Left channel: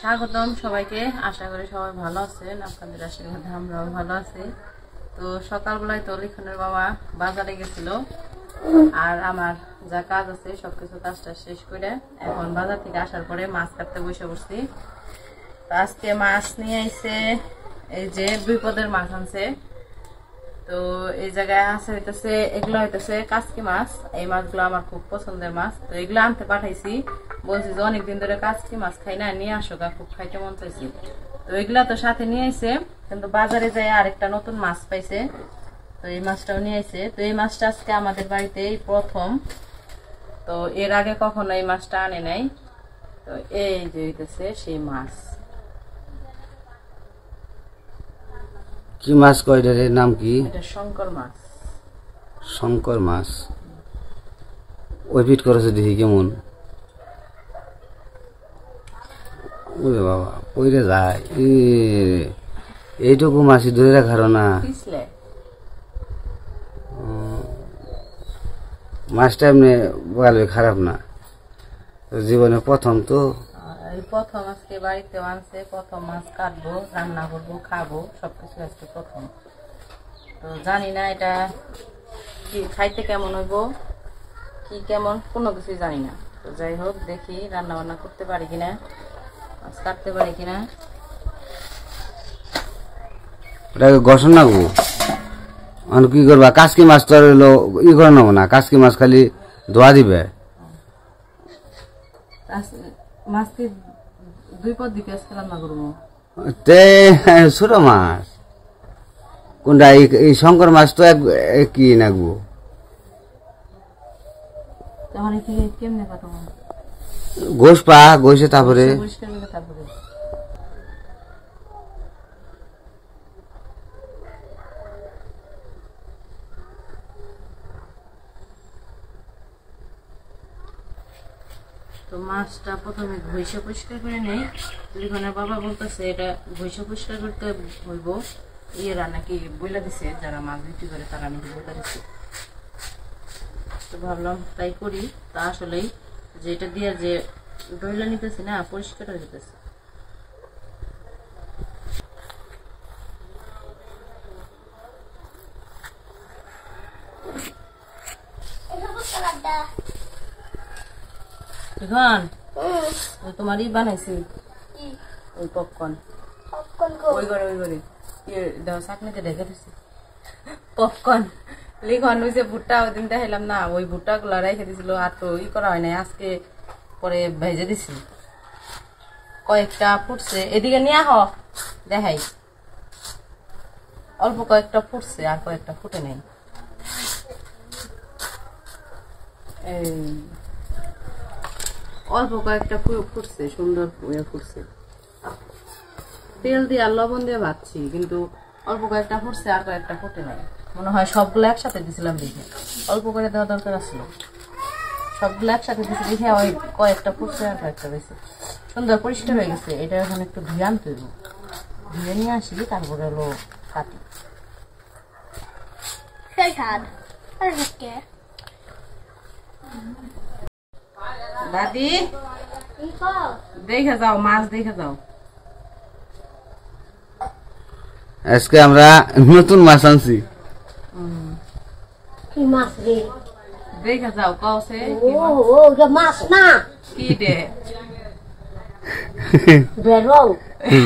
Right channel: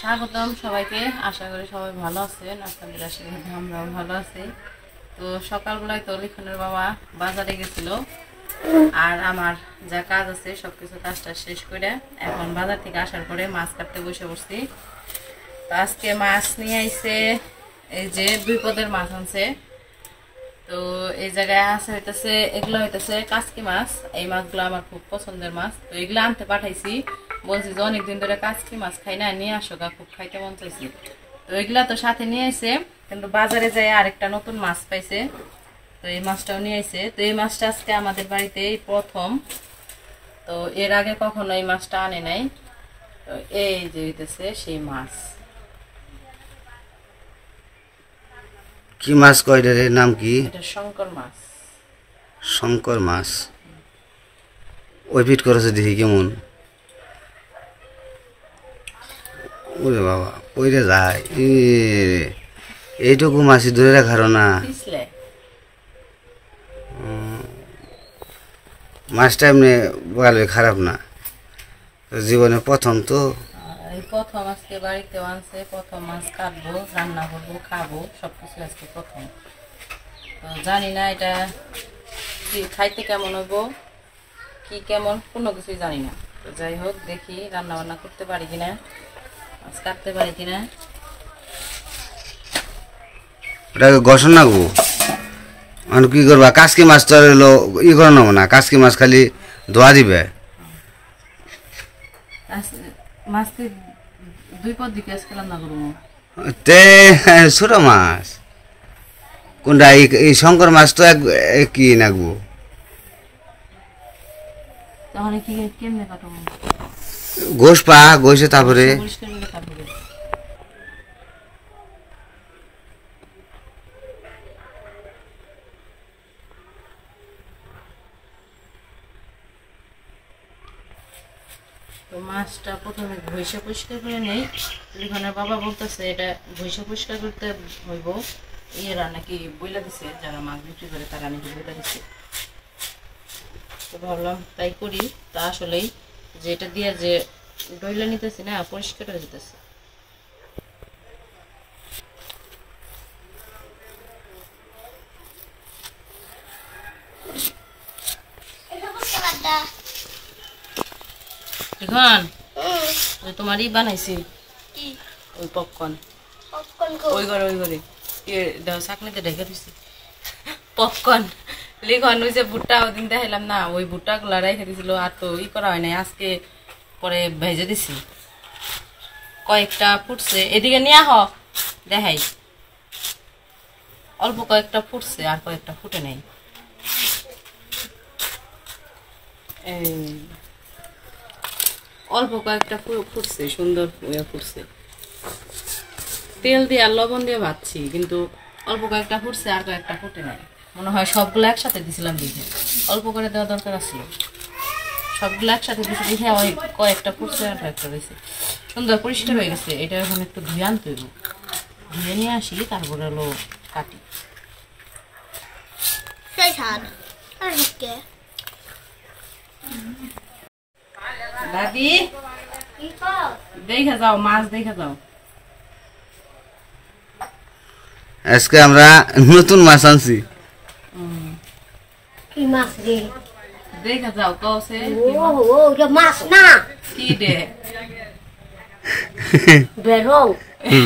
স্বাগতম সবাইকে। আশা করি সবাই ভালো আছেন, আপনাদের আশীর্বাদে আমরাও ভালো আছি। তো সকালবেলায় তো লিখনের বাবা বাজারে গেছিল, আর আমার যা কাজ আছে সবকিছু কাজটা শেষ করে এখন বাজার থেকে আসার পরে মাছ কাটতে বসে পড়ছি। তো আজকে মাছ নিয়ে আইছে, এই যে 2 পদের মাছ আনছে। তো এই জায়গায় আছে হইতেছে, এগুলো হইতেছে কাচকি মাছ। এই মাছগুলো আমার খুব পছন্দের মাছ, তো এগুলো আনতে পাঠাইছি। বলছি যে অনেকদিন ধরে কাচকি মাছ খাই না, নিয়ে আসো, খুব খাইতে মন চাইছি। তো এগুলা তো সাথে নিয়ে আইছে, কিন্তু বাজারে যায় আরেকটা নতুন মাছ পাইছে, তো এই মাছটাও নিয়ে আইছে। তো এই মাছটা আজকে আমাদের বাড়িতে এই প্রথম, তো এর আগে কখনো এই মাছটা আনে নাই। তো এই যে হইতেছে সেই মাছ। কি মাছ কয়টার নাম কি? এটা শঙ্কর মাছ। শঙ্কর মাছ। ওই পিট করেছে দেখি কেমন। ওরে বাবা, পইরে যায়। এইটুকু মাছই ধরে রাখার না। মাছটা এমনি বলে খারাপ না, জীবনে প্রথম তো। এই প্রথম আজকে বাড়িতে আনছে, প্রথম মাছ কাটবো, রান্না করবো, খাবো, সবকিছু আজকে প্রথম। তো জানি না এটা খাইতে কেমন হইব, কি কেমন কোনো কিছুই জানি না। তো যাই হোক, দেখি রান্না বান্না করতে পারি কিনা, মাছ কাটতে পারি কিনা। ওটাকে গসন না গো, কি করবা? কাচকি মাছ তো হলো ই করে নেবো না, কাচকি মাছ খালি ধোয়া দিবে। মাছ কি 2 পদ দিকে আজকে রান্না করবো? তে ছোট মাছ কোনটা? এই শঙ্কর মাছ তো কি নাগবো। তাহলে কি কেমনে কাটবো? গোশ পা গোশে তারপরে পরিষ্কার করে তারপরে। তো মাছটা প্রথমে ঘষে পরিষ্কার করে নেই। লিখনের বাবা বলতেছে এটা ঘষে পরিষ্কার করতে হইব, এরা নাকি বইলা দিছে, যারা মাছ বিক্রি করে তারা নাকি বইলা দিছে। তো ভাবলাম তাই করি। তা আসলেই যে এটা দিয়ে যে ডইলা নিতেছি না, পরিষ্কার হয়ে যেতেছে। এখন তোমার ই বানাইছি ওই পপকর্ন, ওই ঘরে দেখো চাকনিতে ঢেকে দিছি পপকর্ন। লিখন ওই যে ভুট্টা ওই দিন দেখাইলাম না, ওই ভুট্টা গুলা রেখে দিছিল, আর তো ই করা হয় নাই, আজকে পরে ভেজে দিছি। কয়েকটা ফুটছে, এদিকে নিয়ে আহ দেখাই। অল্প কয়েকটা ফুটছে, আর কয়েকটা ফুটে নাই। অল্প কয়েকটা ফুটছে, সুন্দর ফুটছে। তেল দিয়ে আর লবণ দিয়ে ভাজছি, কিন্তু অল্প কয়েকটা ফুটছে, আর কয়েকটা ফুটে নাই। মনে হয় সবগুলো একসাথে দিছিলাম দেখে, অল্প করে দেওয়া দরকার আসলো। সবগুলো একসাথে দিছি দেখে ওই কয়েকটা ফুটছে, আর কয়েকটা দিয়েছে। সুন্দর পরিষ্কার হয়ে গেছে। এটা এখন একটু ধুয়ে আনতে হইব, ধুয়ে নিয়ে আসি, তারপরে হলো কাটি। দাদি দেখা যাও, মাছ দেখা যাও। আজকে আমরা নতুন মাছ আনছি। কি মাছ রে? দেখা যাও কওছে। ও এটা মাছ না, কি দে? বেরং।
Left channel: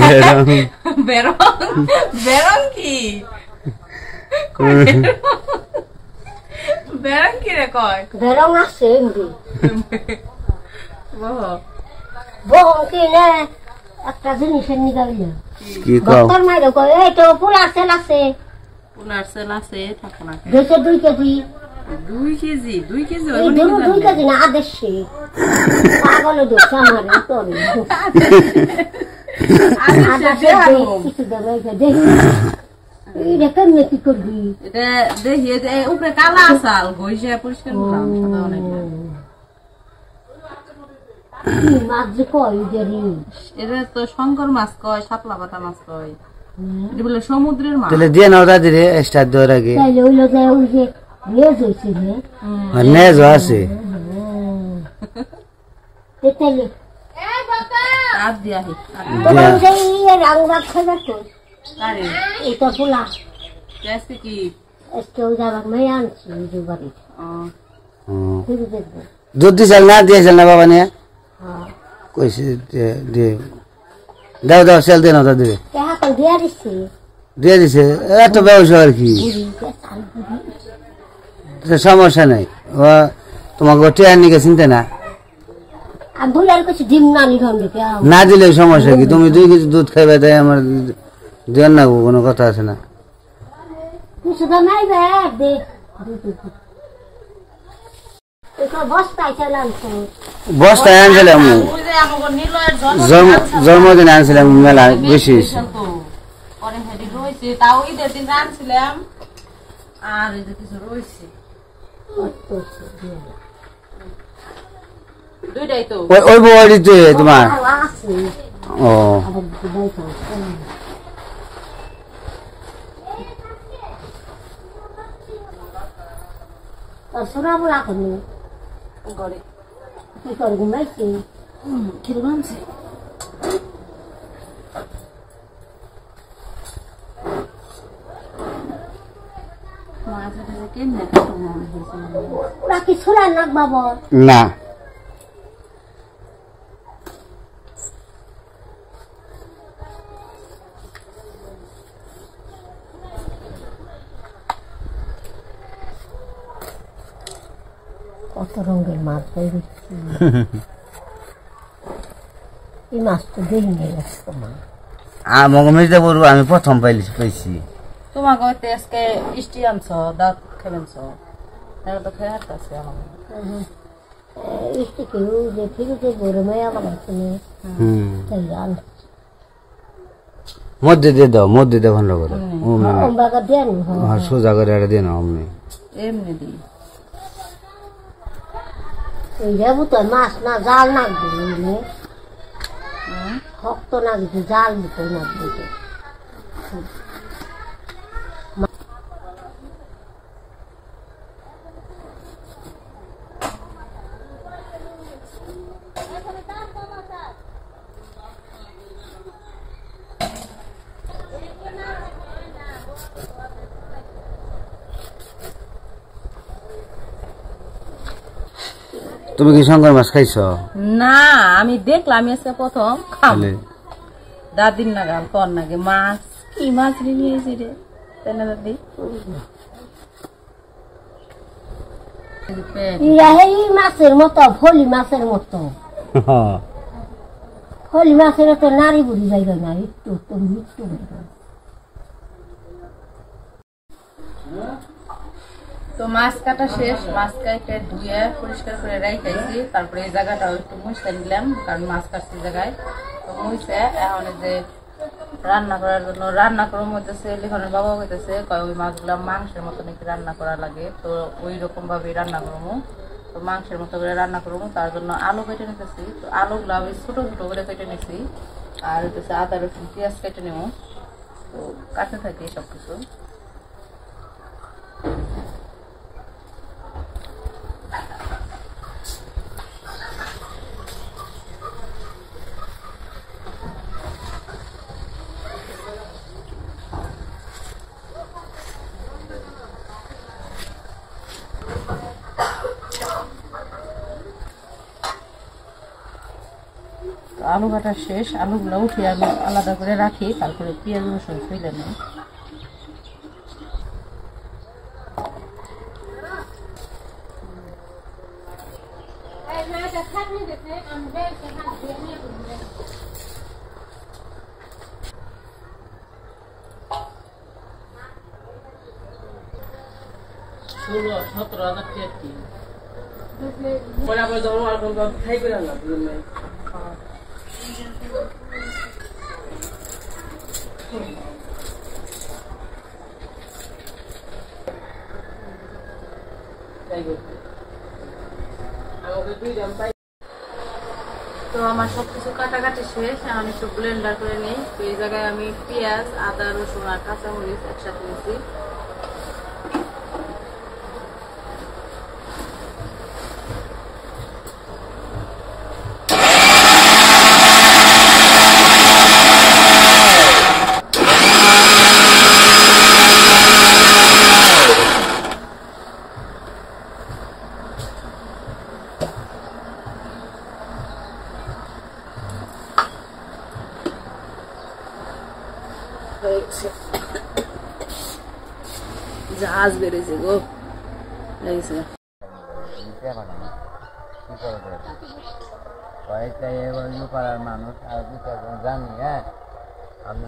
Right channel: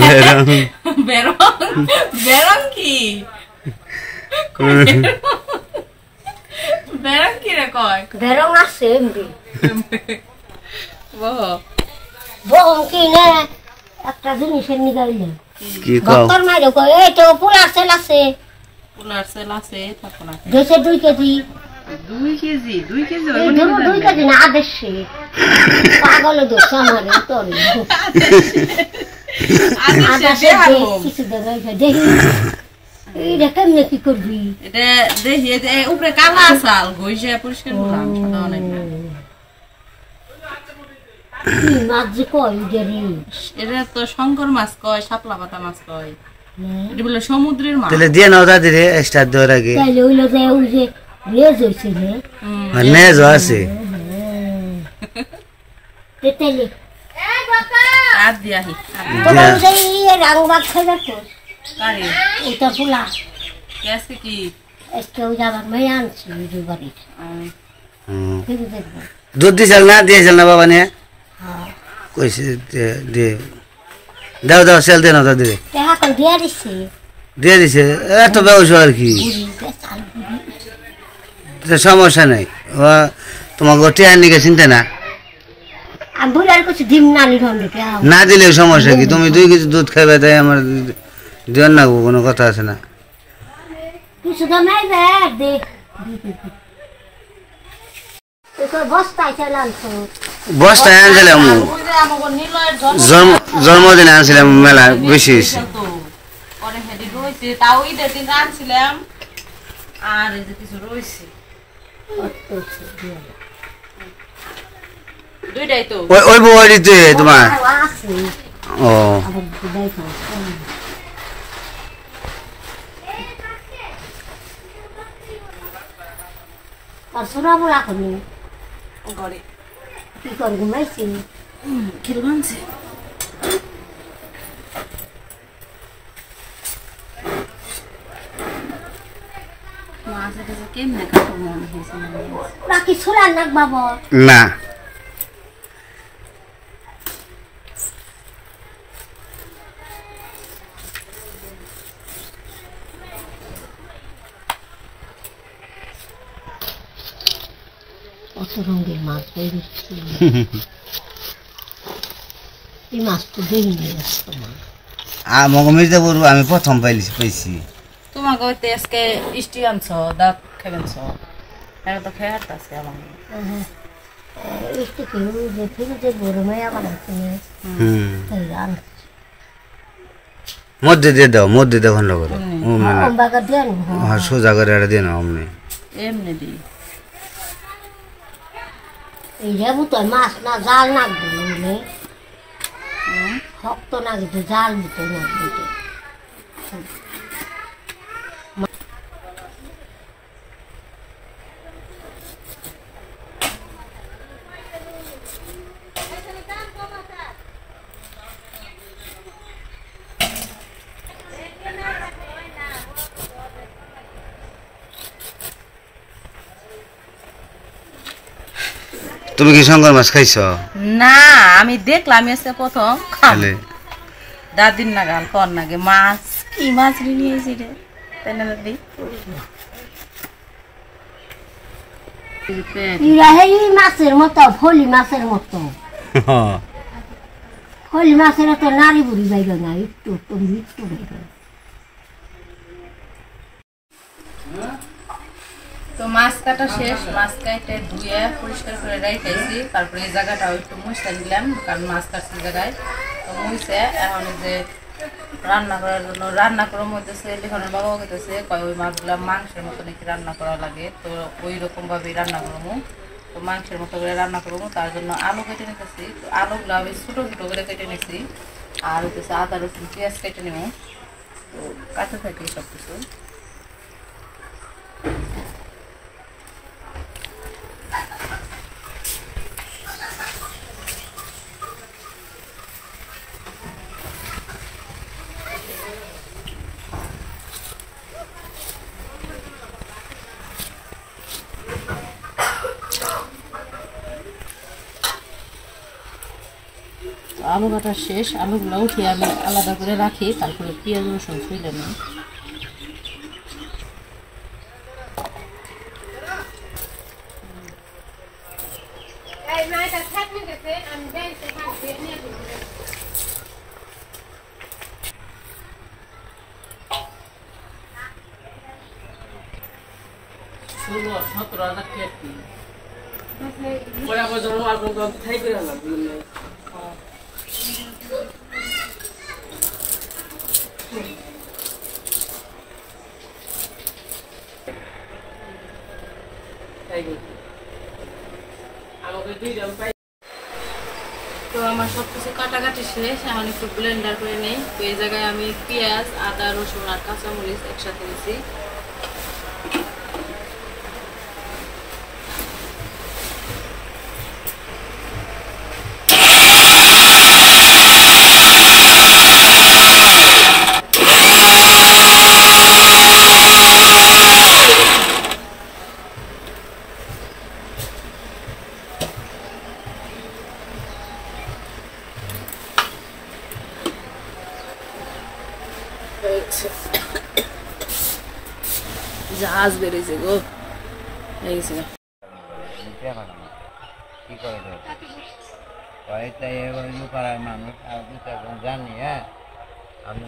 বেরং বেরং? বেরং কি? বেরং কি রে কয়? বেরং আছে এমবি। বহ বহং কি না একটা জিনিসের নিগাইলে কি কও? ডক্টর মাইরে কয় এই তো পোলার সেল আছে, পোলার সেল আছে, থাকো না। দেশে 2 কেজি। 2 কেজি? 2 কেজি এই দেবো 2 কেজি না, আদেশে পাগলে দোষ আমার তো আদেশে কিছু দেবে দেখি। এটা কেমনে কি করবি? এটা দেখি, উপরে কালা আসাল ঘষে পরিষ্কার করলাম, সাদা অনেক। কি মাছ যে কয় জানি? এটা তো শঙ্কর মাছ কয়, শাপলা পাতা মাছ কয়। এটা বলে সমুদ্রের মাছ। তাহলে দিয়ে নাও দাদি রে, স্টার্ট দেওয়ার আগে। তাইলে ওইলো যে ওই যে লেজ হইছে রে, নেজ আছে। তাইলে আর দিয়াহি তোমার সেই রাং বাগ খাইবার তো কারে এটা পোলা গ্যাসকে কি আজকে ওই যাবার মেয়ে আনছি ওই বাড়ির ফিরে দেখবো দুধ দিয়েছিল না দিয়েছিল না বাবা নিয়ে হ্যাঁ কইছে দিয়ে দাও দাও সেল দিয়ে না দাও দিয়ে এখন দিয়ে দিচ্ছি দিয়ে দিছে এত ব্যবসা আর কি বুড়ি বেতাল বুড়ি তো সমস্যা নেই ও তোমাকে টেয়ার নিকে চিনতে না আমি বুড়ি আর কিছু ডিম না নিলাম দেখে না দিলে সমস্যা কি তুমি 2 কেজি দুধ খাইবে তাই আমার দেন না গো, কোনো কথা আছে না কিছু তো নাই দে বস্তায় চাইলাম তো বস্তায় আনছিলাম ওই যে আমাগো নিলয়ের জন্মদিনে আনছিলাম মেলা বেশি হয়েছে পরে হেডি রইছে তাও ঈদের দিন আনছিলাম আর এই যে কিছু রইছে দুইটাই তো ওই ওই বড়িতে তোমার আছে ও আবার দুবাই খাও আর সোনা বলা করি ঘরে কি করে ঘুমাইছি খেল বানছে মাছ এটা কেমনে কাটবো আমি ওরা কি সোনার নাক বাবা না কত রঙের মাছ বেরিয়েছি এই মাছ তো দেখিনি আসতো না আমাকে মির্জা বড় আমি প্রথম পাইছি তোমাকে হইতে আজকে ইষ্টি আনছো দাঁত খেবেনছ এখন তো খেয়ে হাঁটতেছে আমার একটু কেউ যে ফিরে বড় মেয়ে আবার আছে তাই রান মধ্যে দিয়ে দাও খন্ড করো বাগা দেন হ্যাঁ সোজা করে এটা দিয়ে নাও অমনি এমনি দিই এই রেবু তো মাছ না জাল নাক দিলে শক্ত না দিতে জাল দিতে নাক দিতে তুমি কি শঙ্কর মাছ খাইছ না আমি দেখলাম আজকে প্রথম তাহলে দাদিন না গাল কর নাগে মাছ কি মাছ নিয়েছি রে তাই না দাদি এই মাছের মতো ফলি মাছের মতো ফলি মাছের তো নারী বুড়ি বাইরে না একটু একটু বাইরে তো মাছ কাটা শেষ মাছ কাটে ধুয়ে পরিষ্কার করে রাখাইছি তারপরে এই জায়গাটাও একটু মুছে নিলাম কারণ মাছ কাটছি জায়গায় তো মুছে এখন যে রান্না করার জন্য রান্না করার মধ্যে লিখনের বাবাও কইতেছে কয় ওই মাছগুলা মাংসের মতো নাকি রান্না করা লাগে তো ওই রকমভাবেই রান্না করবো তো মাংসের মতো করে রান্না করবো তার জন্য আলু কেটে নিতেছি তো আলুগুলো আমি ছোটো ছোটো করে কেটে নিছি আর হচ্ছে আদা রসুন পেঁয়াজ কেটে নেব তো কাছে থাকি সব কিছু আলু কাটা শেষ আলুগুলো উঠিয়ে আমি আলাদা করে রাখি তারপরে পেঁয়াজ রসুন ছুঁলে নিই তো আমার সবকিছু কাটাকাটি শেষ এখন একটু ব্লেন্ডার করে নেই তো এই জায়গায় আমি পেঁয়াজ আদা রসুন আর কাঁচামরিচ একসাথে নিয়েছি হয়ে গেছে জাহাজ বেরিয়েছে গো হয়ে গেছে কি করে পাড়ার মানুষ আর দু চারজন জানি হ্যাঁ আপনি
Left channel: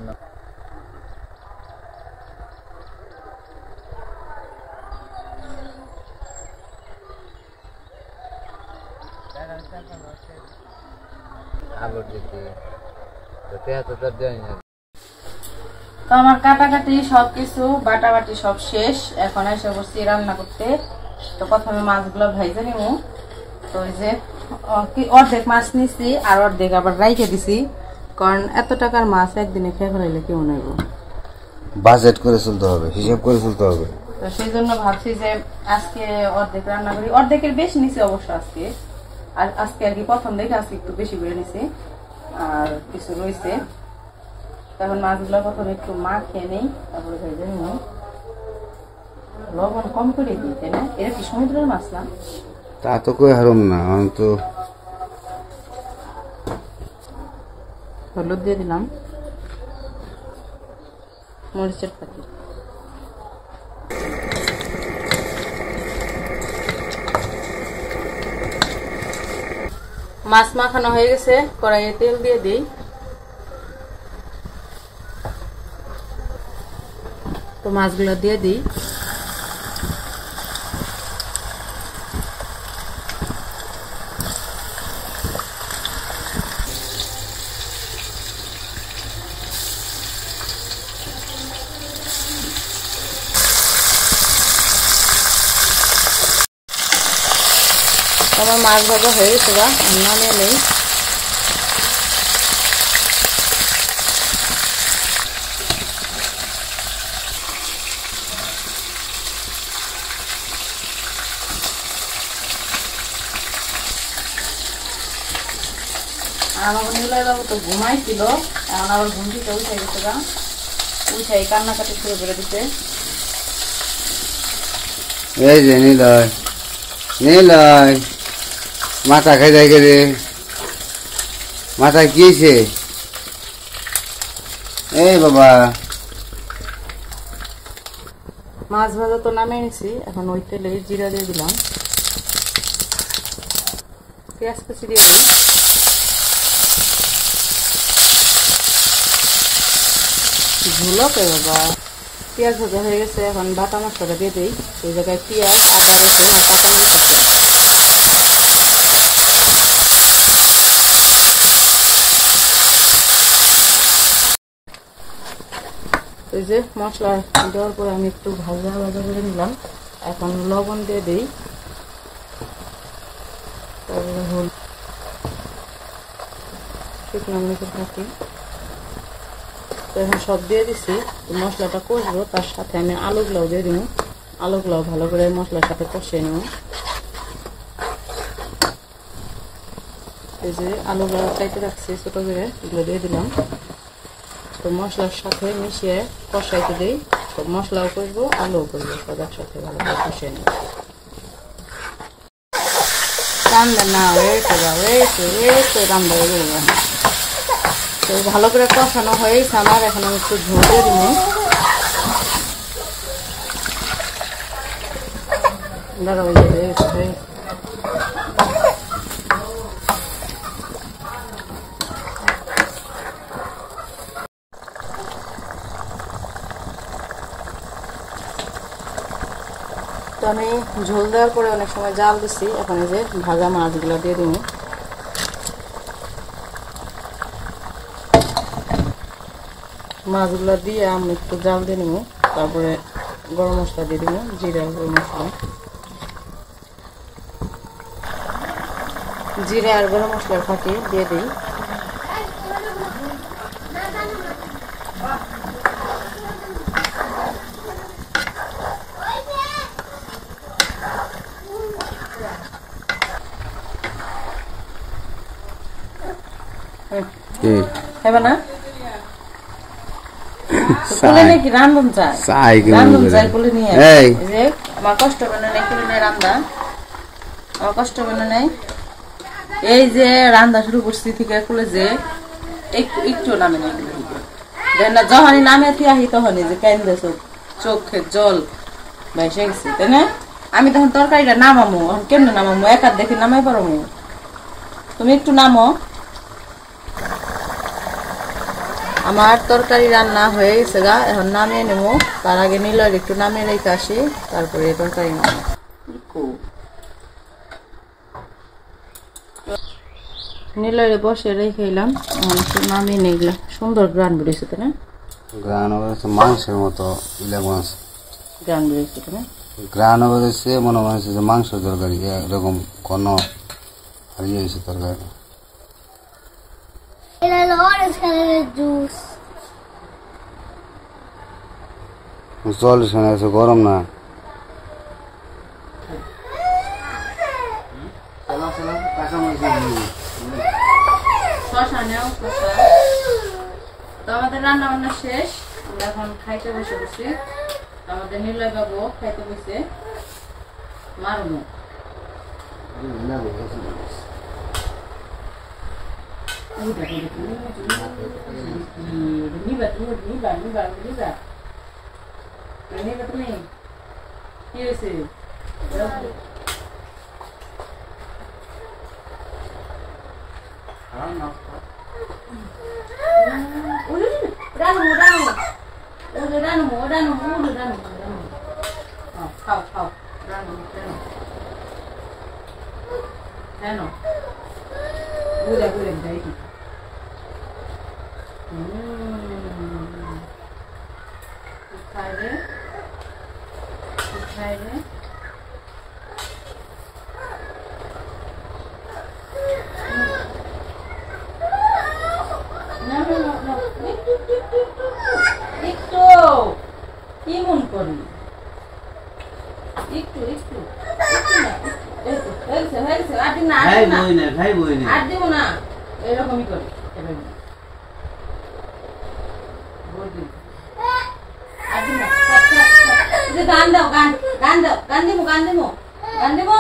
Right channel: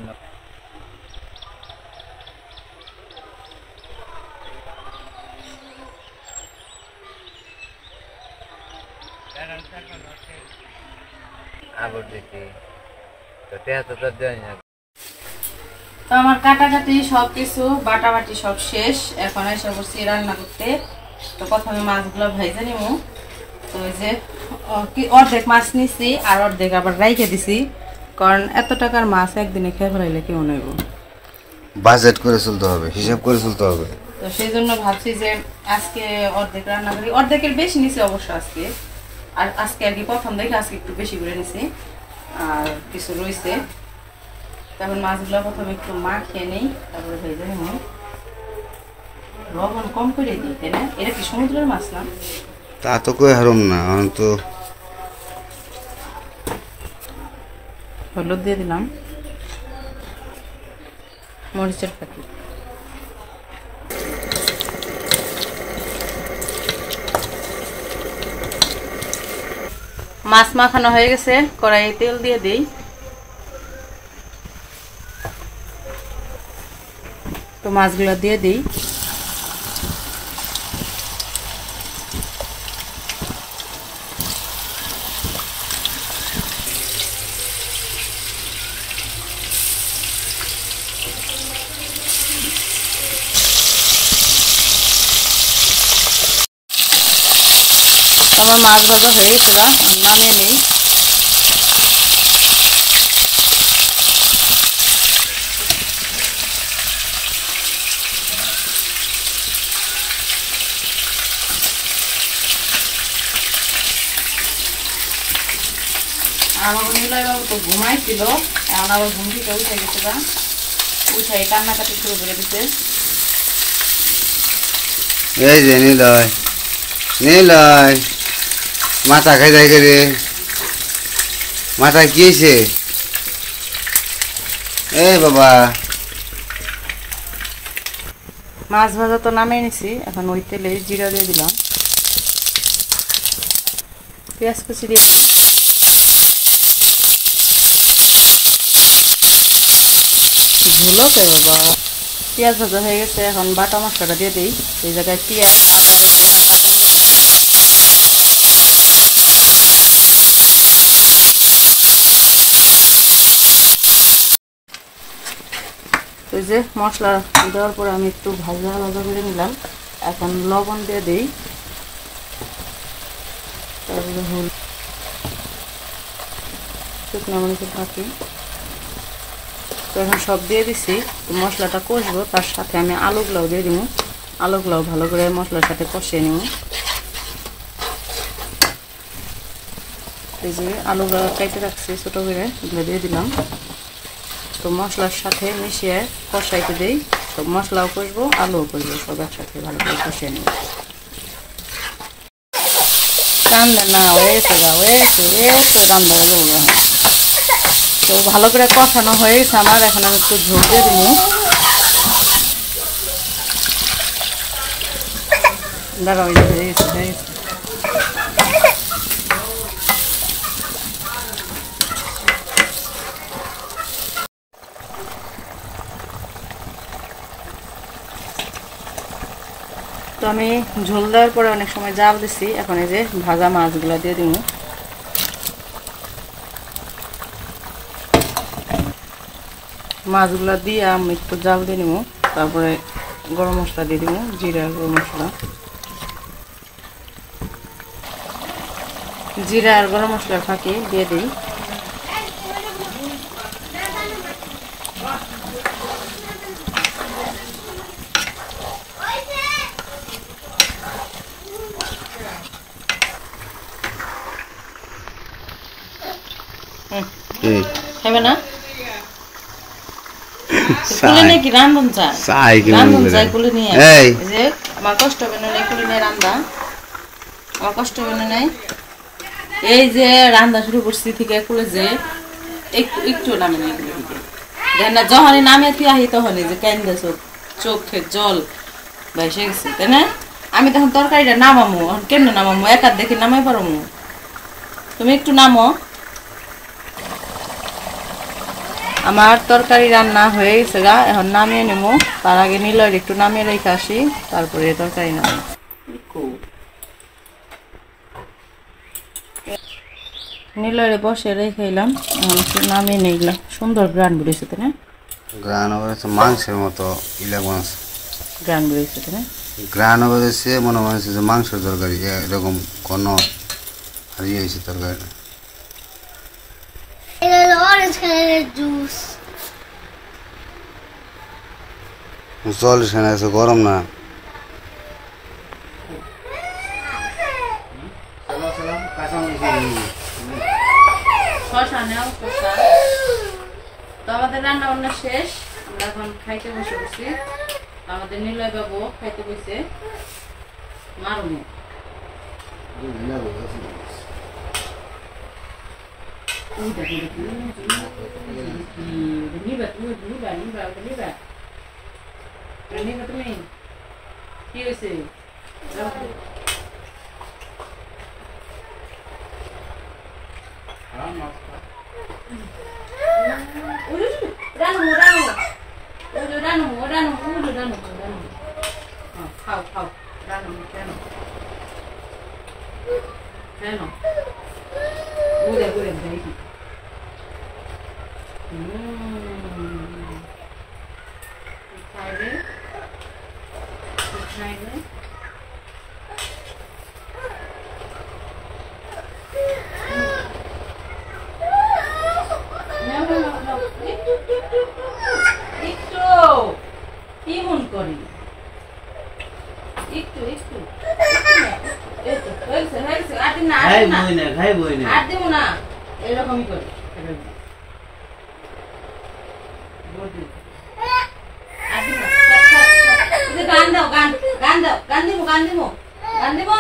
তো আমার কাটাকাটি সবকিছু বাটাবাটি সব শেষ। এখন এসে বসছি রান্না করতে। তো প্রথমে মাছগুলো ভাইজে নিব। তো ওই যে অর্ধেক মাছ নিছি আর অর্ধেক আবার রাইখে দিছি, কারণ এত টাকার মাছ একদিনে খেয়ে ফেলাইলে কেমন হইব, বাজেট করে চলতে হবে, হিসাব করে চলতে হবে। তো সেই জন্য ভাবছি যে আজকে অর্ধেক রান্না করি। অর্ধেকের বেশি নিছি অবশ্য আজকে, আর আজকে আর কি প্রথম দেখে আজকে একটু বেশি করে নিছি আর কিছু রয়েছে। তখন মাছগুলো প্রথমে একটু খেয়ে নেই, তারপরে ভেজে নেব। লবণ কম করে দিই, তাই না? এটা কি সমুদ্রের মাছ না? তা তো কই হারম না, তো হলুদ দিয়ে দিলাম, মরিচের প্যাকেট, মাছ মাখানো হয়ে গেছে। কড়াইয়ে তেল দিয়ে দিই। তো মাছগুলো দিয়ে দিই। আমার মাছ ভাজা হয়ে গেছে, নামিয়ে নেই। আমার নিলয় বাবু তো ঘুমাইছিল, এখন আবার ঘুম থেকে উঠে গেছে, উঠাই কান্নাকাটি শুরু করে দিতে। এই যে নিলয়, নিলয় মাথা খাই যায় রে, মাথা কি হয়েছে? এই বাবা, মাছ ভাজা তো নামিয়ে নিছি। এখন ওই তেলে জিরা দিয়ে দিলাম, পেঁয়াজ কুচি দিয়ে দিই, ঝুলো কে বাবা। পেঁয়াজ ভাজা হয়ে গেছে, এখন বাটা মশলাটা দিয়ে দিই। এই জায়গায় পেঁয়াজ, আদা, রসুন আর কাঁচামরিচ আছে। এই যে মশলা দেওয়ার পরে আমি একটু ভাজা ভাজা করে নিলাম। এখন লবণ দিয়ে দিই, শুকনো মরিচের ফাঁকি। তো এখন সব দিয়ে দিছি। মশলাটা কষবো, তার সাথে আমি আলুগুলাও দিয়ে দিব। আলুগুলাও ভালো করে মশলার সাথে কষিয়ে নেব। এই যে আলুগুলো কেটে রাখছি ছোটো করে, এগুলো দিয়ে দিলাম। তো মশলার সাথে মিশিয়ে কষাইতে দিই। তো মশলাও কষবো, আলুও কষবো, সব একসাথে ভালো করে কষিয়ে নেব। রান্না না হয়েছে রান্না করবো। তো ভালো করে কষানো হয়ে গেছে আমার। এখন আমি একটু ঝোল দিয়ে দিব। দাঁড়াও, হয়ে গেছে। তো আমি ঝোল দেওয়ার পরে অনেক সময় জাল দিছি। এখন এই যে ভাজা মাছগুলো দিয়ে দিব। মাছগুলো দিয়ে আমি একটু জাল দিয়ে নেব। তারপরে গরম মশলা দিয়ে দিব, জিরা গরম মশলা, জিরা আর গরম মশলার ফাঁকি দিয়ে দিই। খাবে না? কুলে নাকি রান্ধন চাই, রান্ধন চাই কুলে নিয়ে। যে আমার কষ্ট বেনে নেই, কুলে নিয়ে রান্দা আমার কষ্ট বেনে নেই। এই যে রান্দা শুরু করছি থেকে কুলে যে একটু নামে নেই, দেখ না যখনই নামে তুই আহি তখনই যে কেন্দে চোখের জল ভেসে গেছে তাই না? আমি তখন তরকারিটা নামামো, এখন কেমনে নামামো? একার দেখি নামাই পারমো? তুমি একটু নামো। আমার তরকারি রান্না হয়ে গেছে গা, এখন নামিয়ে নেবো। তার আগে নিলয়ের একটু নামিয়ে রেখে আসি, তারপরে তরকারি নামো। নিলয়ে বসে রেখে এলাম, এখন একটু নামিয়ে নিলাম। সুন্দর গ্রান বেরিয়েছে তাই না? গ্রান হয়েছে মাংসের মতো ইলাক মাছ, গ্রান বেরিয়েছে তাই না? গ্রান হয়েছে মনে হয়েছে যে মাংসের তরকারি এরকম কোনো হারিয়ে হয়েছে তরকারিটা। এটা হলো অরেঞ্জ কালারের জুস। জল সেখানে আছে, গরম না। শশা নেও, শশা। তো আমাদের রান্না বান্না শেষ, আমরা এখন খাইতে বসে বসছি। আমাদের নিলয় বাবু খাইতে বসে মারুমো। তুমি কি হয়েছে? খাও খাও, রানো রানো রানো, ঘুরে ঘুরে দেখি। খাইবে খাইবে। একটু কি মন করি, একটু একটু আর দিব না, এরকমই করি। গান দাও, গান গান দাও, গান দিব গান দিব গান দিব।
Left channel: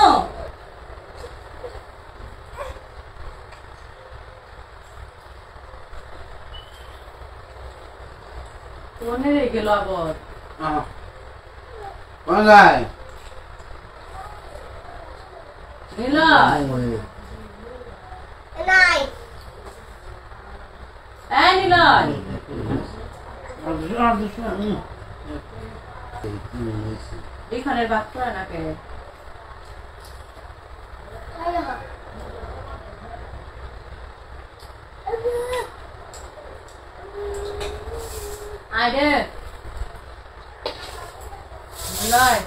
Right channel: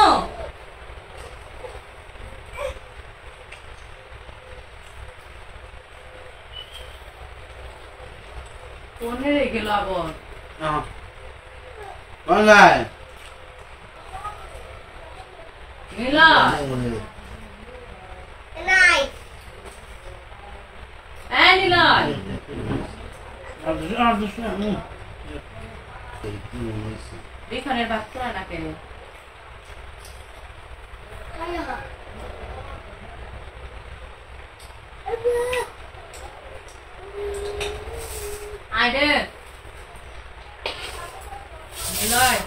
কোনে রে গেল আবার? নিলয় নিলয় এখানের ভাত করে না কেন? আইডে নিলয়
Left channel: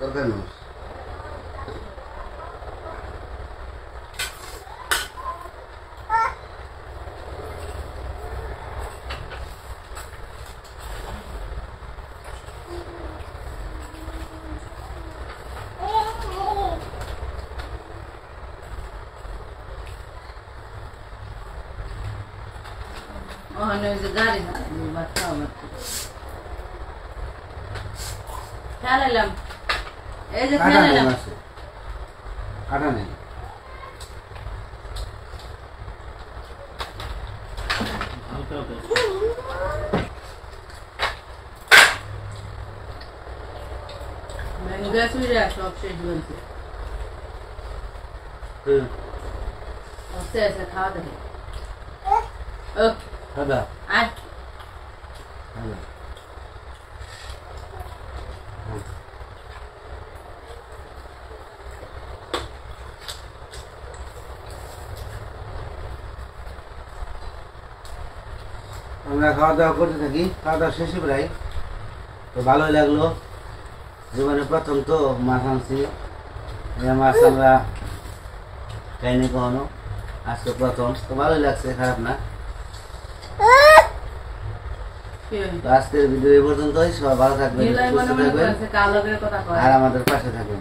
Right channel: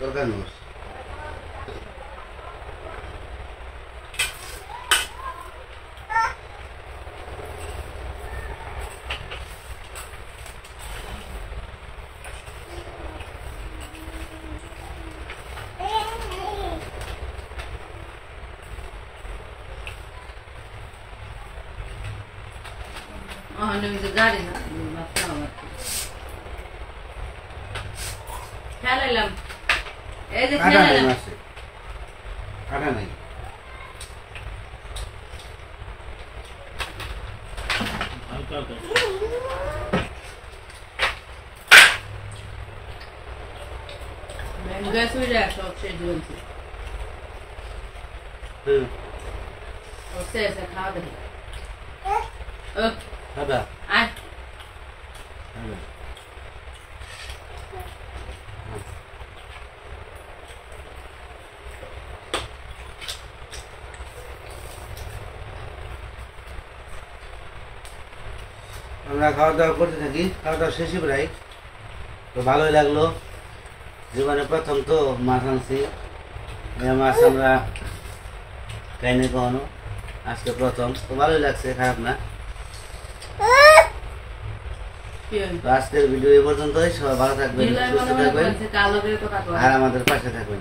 তরকারি গাড়ি খেলাইলাম, এই যে খেলাইলাম। কাটা নেই, সব শেষ বলছে। খাওয়া দেখে আয় আমরা খাওয়া দাওয়া করতে থাকি, খাওয়া দাওয়া শেষই প্রায়। তো ভালোই লাগলো, জীবনে প্রথম তো মাছ আনছি। মাছ আমরা খাইনি কখনো, আজকে প্রথম। তো ভালোই লাগছে, খারাপ না। তো আজকের ভিডিও এই পর্যন্তই। সবাই ভালো থাকবেন, সুস্থ থাকবেন আর আমাদের পাশে থাকবেন।